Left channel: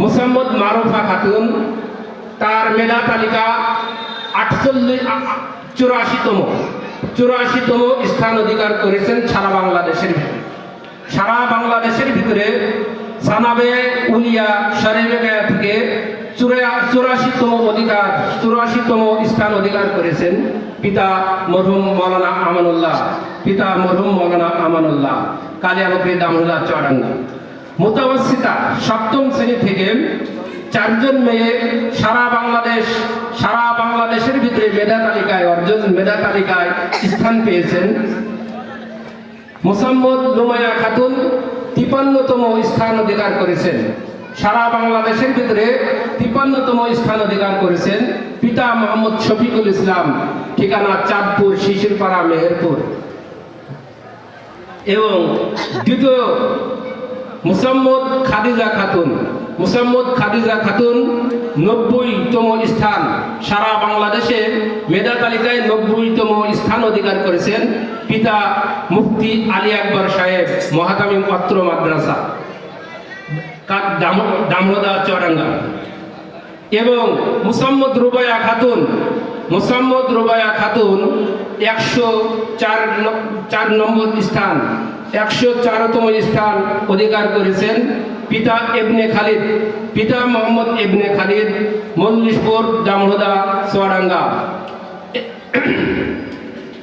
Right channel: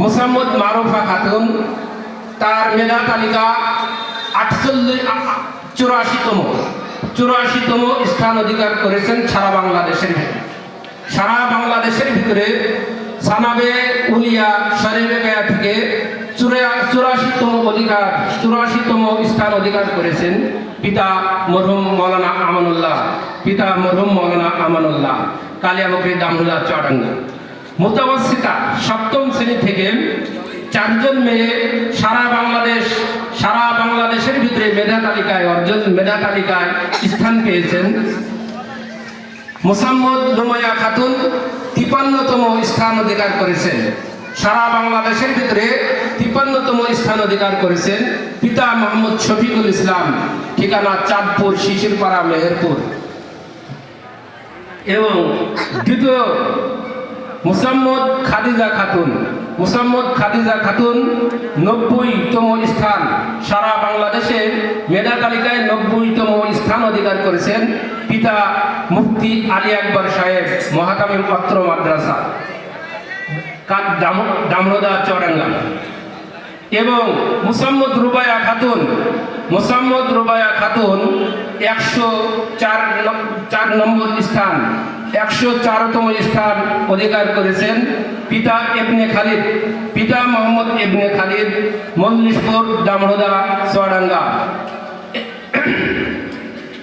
মোসাম্মদ মারুফা খাতুন, তার মেধা তালিকা আটচল্লিশ চুরাশিতম চুরাশিতম স্থান অধিকার করেছেন সারা বাংলাদেশের ভিতরে। সারা বাংলাদেশের ভিতরে সানাবে উলিয়া সারিবেগা থেকে চুরা- চুরাশিতম অধিকার, চুরাশিতম স্থান অধিকার করেছেন পিতা মরহুম মৌলানা আমানুল্লাহ, পিতা মরহুম মৌলানা আমানুল্লাহ কালিয়াবকরি দামুল্লাহ চড়াঙ্গা মোতাবস্থিতা সপ্তম শ্রেণি থেকে চারজন মেয়ে সারা বাংলাদেশ, সারা বাংলাদেশের ভিতরে মেধা তালিকায় অর্জন, মেধা তালিকায় স্থান পেয়েছেন। মোসাম্মদ লুমায়া খাতুন তিপান্নতম স্থান অধিকার করেছেন। সারা বাংলাদেশের ভিতরে তিপান্নতম স্থান অধিকার করেছেন পিতা মোহাম্মদ শফিকুল ইসলাম, ঠিকানা চাঁদপুর, শিশিরপাড়া, মেহেরপুর। এবং দ্বিতীয় মুসাম্মদ খাদিজা খাতুন। মুসাম্মদ খাদিজা খাতুন নব্বইতম স্থান। সারা বাংলাদেশে মেধা তালিকায় নব্বইতম স্থান অধিকার করেছেন পিতা মুফতি আলী আকবর সাহেব, মহাকামী পাত্র মাদ্রাসা দামোদা চরাঙ্গা। এবং মুসাম্মদ রুবায়া খাতুন, মুসাম্মদ রুবায়া খাতুন একশো চার চার নম্বর স্থান। একশো চারতম স্থান অধিকার করেছেন পিতা এবনে খালিদ, পিতা মোহাম্মদ এবনে খালিদ, মল্লিশপুর, দামোদা চরাঙ্গা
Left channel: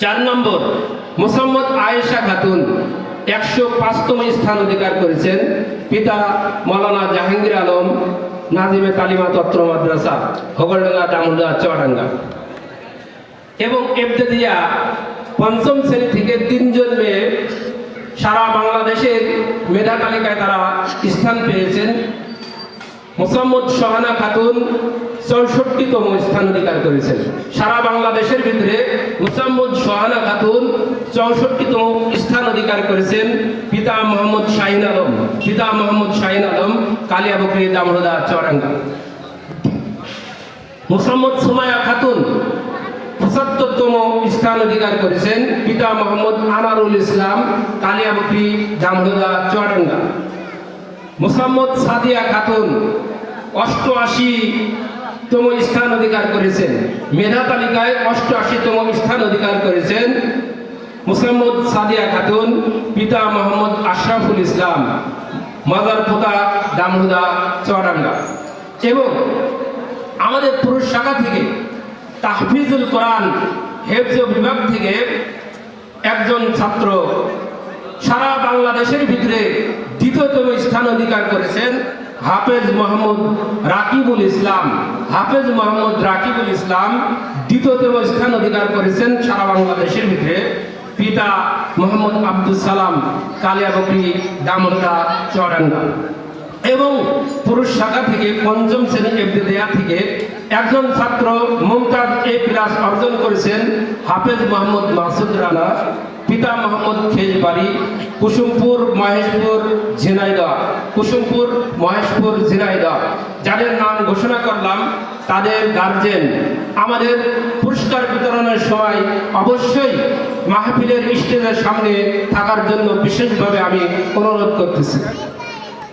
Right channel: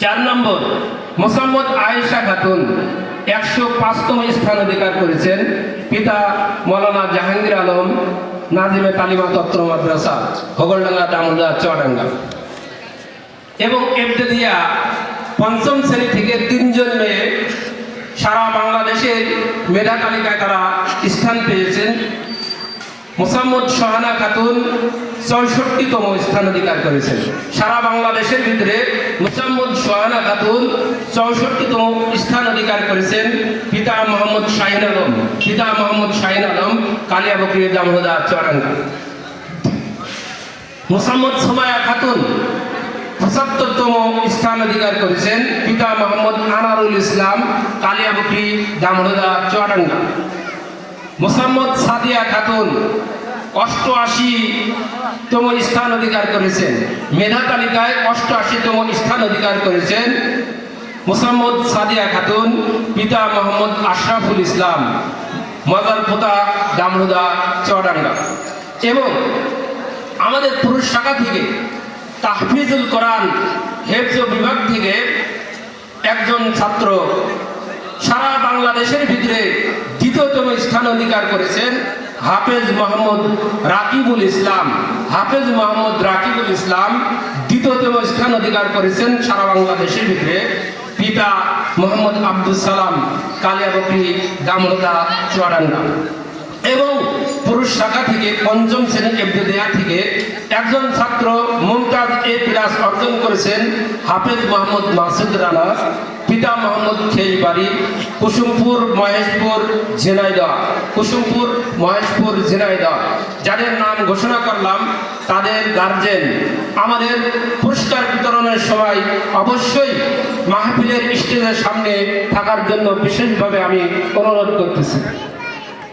চার নম্বর, মোসাম্মদ আয়েশা খাতুন, একশো পাঁচতম স্থান অধিকার করেছেন পিতা মৌলানা জাহাঙ্গীর আলম, নাজিমে তালিমা তত্র মাদ্রাসা হগলডাঙ্গা দামোদা, চুয়াডাঙ্গা। এবং এবতেদিয়া পঞ্চম শ্রেণি থেকে তিনজন মেয়ে সারা বাংলাদেশের মেধা তালিকায় তারা স্থান পেয়েছেন মোসাম্মদ সোহানা খাতুন চৌষট্টিতম স্থান অধিকার করেছেন। সারা বাংলাদেশের ভিতরে মোসাম্মদ সোহানা খাতুন চৌষট্টিতম স্থান অধিকার করেছেন। পিতা মোহাম্মদ শাহিন আলম, পিতা মোহাম্মদ শাহিন আলম, কালিয়া বকরি দামহুদা চরাঙ্গা। মোসাম্মদ সোমায়া খাতুন পঁচাত্তরতম স্থান অধিকার করেছেন পিতা মোহাম্মদ আনারুল ইসলাম কালিয়াবকরি দামহুদা চুয়াডাঙ্গা। মোসাম্মদ সাদিয়া খাতুন অষ্টআশি তম স্থান অধিকার করেছেন। মেধা তালিকায় অষ্টআশিতম স্থান অধিকার করেছেন মোসাম্মদ সাদিয়া খাতুন পিতা মোহাম্মদ আশরাফুল ইসলাম মাদার পোতা দামহুদা চুয়াডাঙ্গা। এবং আমাদের পুরুষ শাখা থেকে তাহফিজুল কোরআন হেফজ বিভাগ থেকে একজন ছাত্র সারা বাংলাদেশের ভিতরে দ্বিতীয়তম স্থান অধিকার করেছেন হাফেজ মোহাম্মদ রাকিবুল ইসলাম। হাফেজ মোহাম্মদ রাকিবুল ইসলাম দ্বিতীয়তম স্থান অধিকার করেছেন সারা বাংলাদেশের ভিতরে। পিতা মোহাম্মদ আব্দুল সালাম কালিয়াবকরি দামোদা, চুয়াডাঙ্গা। এবং পুরুষ শাখা থেকে পঞ্চম শ্রেণি এফডিদেয়া থেকে একজন ছাত্র মুমতাজ এ প্লাস অর্জন করেছেন হাফেজ মোহাম্মদ মাসুদ রানা, পিতা মোহাম্মদ খেজবাড়ি কুসুমপুর, মহেশপুর, ঝিনাইদহ। কুসুমপুর, মহেশপুর, ঝিনাইদহ। যাদের নাম ঘোষণা করলাম, তাদের গার্জেন আমাদের পুরস্কার বিতরণের সময় অবশ্যই মাহফিলের স্টেজের সামনে থাকার জন্য বিশেষভাবে আমি অনুরোধ করতেছি।